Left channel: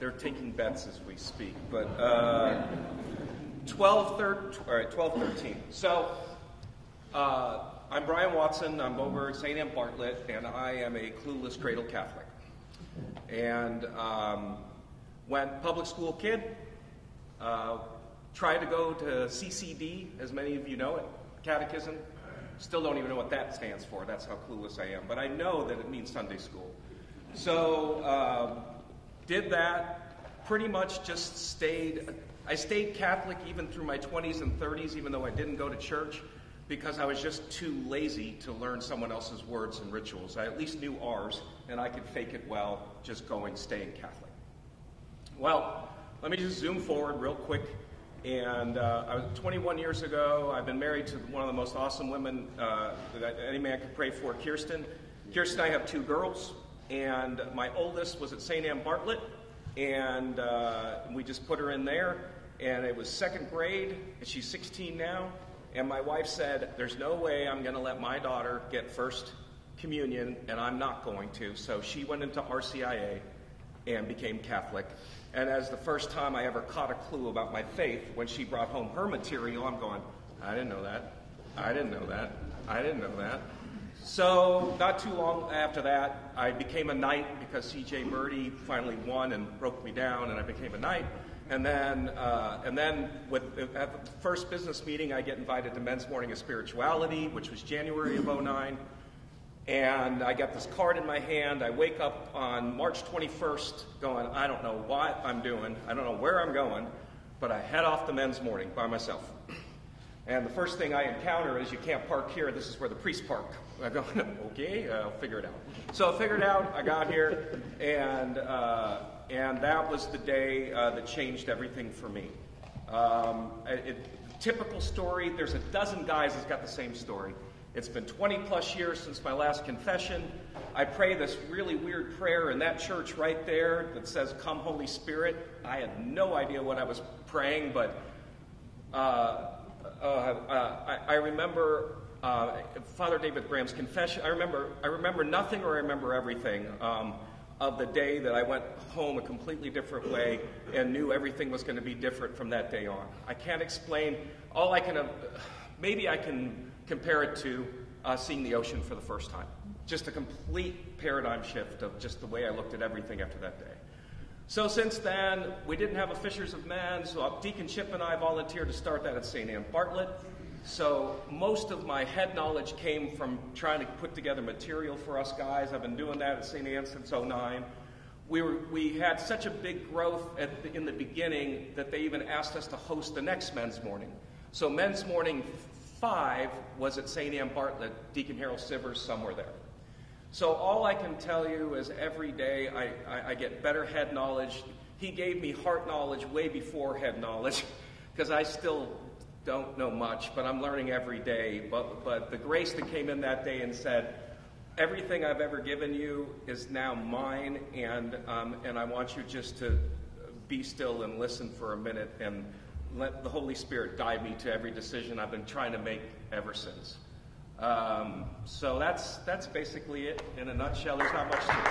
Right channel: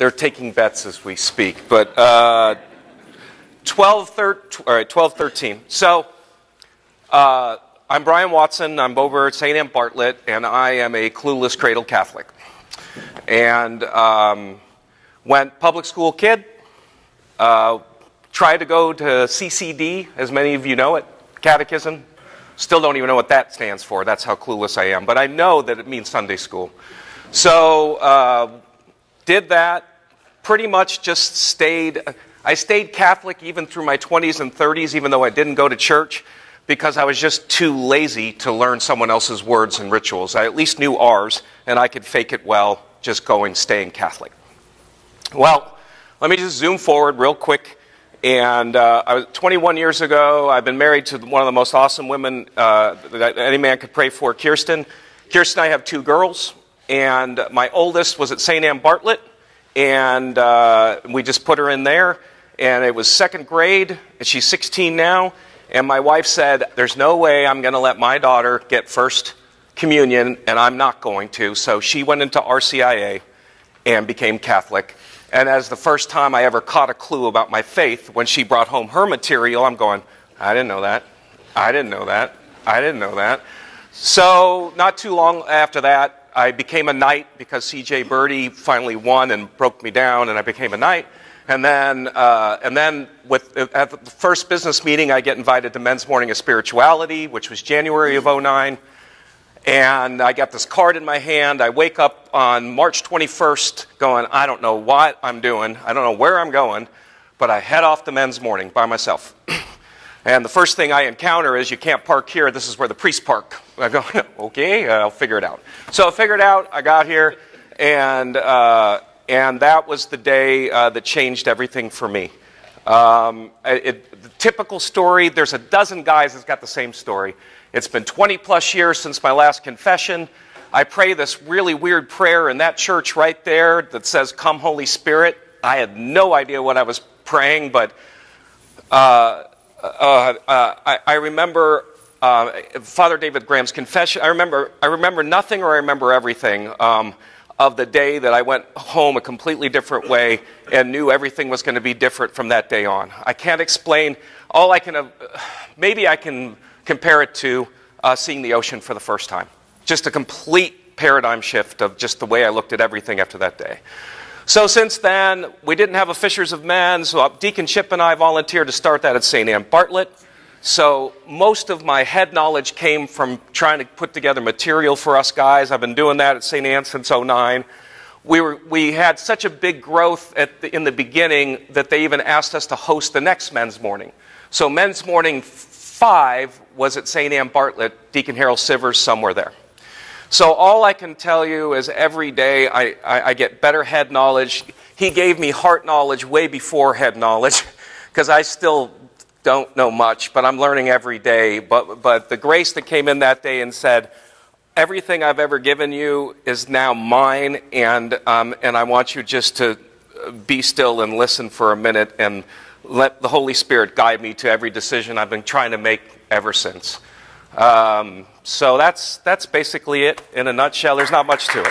They're taking bets as we speak. But 12, 13. So I'm Bryan Watson. I'm over at St. Anne Bartlett, and I am a clueless cradle Catholic. And went public school kid. Tried to go to CCD, as many of you know it, Catechism. Still don't even know what that stands for. That's how clueless I am. But I know that it means Sunday school. So did that. Pretty much just stayed. I stayed Catholic even through my 20s and 30s, even though I didn't go to church, because I was just too lazy to learn someone else's words and rituals. I at least knew ours, and I could fake it well, just staying Catholic. Well, let me just zoom forward real quick. And I was 21 years ago. I've been married to one of the most awesome women that any man could pray for, Kirsten. Kirsten and I have 2 girls, and my oldest was at St. Anne Bartlett, and we just put her in there. And it was 2nd grade, and she's 16 now. And my wife said, there's no way I'm going to let my daughter get first communion, and I'm not going to. So she went into RCIA and became Catholic. And as the first time I ever caught a clue about my faith, when she brought home her material, I'm going, I didn't know that. I didn't know that. I didn't know that. So not too long after that, I became a knight because C.J. Birdie finally won and broke me down, and I became a knight. And then at the first business meeting, I get invited to Men's Morning of Spirituality, which was January of '09. And I got this card in my hand. I wake up on March 21st going, I don't know what I'm doing. I don't know where I'm going. But I head off to Men's Morning by myself. And the first thing I encounter is, you can't park here. This is where the priests park. I go, okay, I'll figure it out. So I figured it out. I got here. And that was the day that changed everything for me. The typical story, there's a dozen guys that's got the same story. It's been 20-plus years since my last confession. I pray this really weird prayer in that church right there that says, "Come, Holy Spirit." I had no idea what I was praying, but I remember Father David Graham's confession. I remember nothing, or I remember everything of the day that I went home a completely different way and knew everything was going to be different from that day on. I can't explain. Maybe I can compare it to seeing the ocean for the first time. Just a complete paradigm shift of just the way I looked at everything after that day. So since then, we didn't have a Fishers of Men, so Deacon Chip and I volunteered to start that at St. Anne Bartlett. So most of my head knowledge came from trying to put together material for us guys. I've been doing that at St. Anne since '09. We had such a big growth in the beginning that they even asked us to host the next Men's Morning. So Men's Morning 5 was at St. Anne Bartlett, Deacon Harold Sivers, somewhere there. So all I can tell you is every day I get better head knowledge. He gave me heart knowledge way before head knowledge, because I still don't know much, but I'm learning every day. But the grace that came in that day and said, everything I've ever given you is now mine, and I want you just to be still and listen for a minute and let the Holy Spirit guide me to every decision I've been trying to make ever since. So that's basically it in a nutshell. There's not much to it.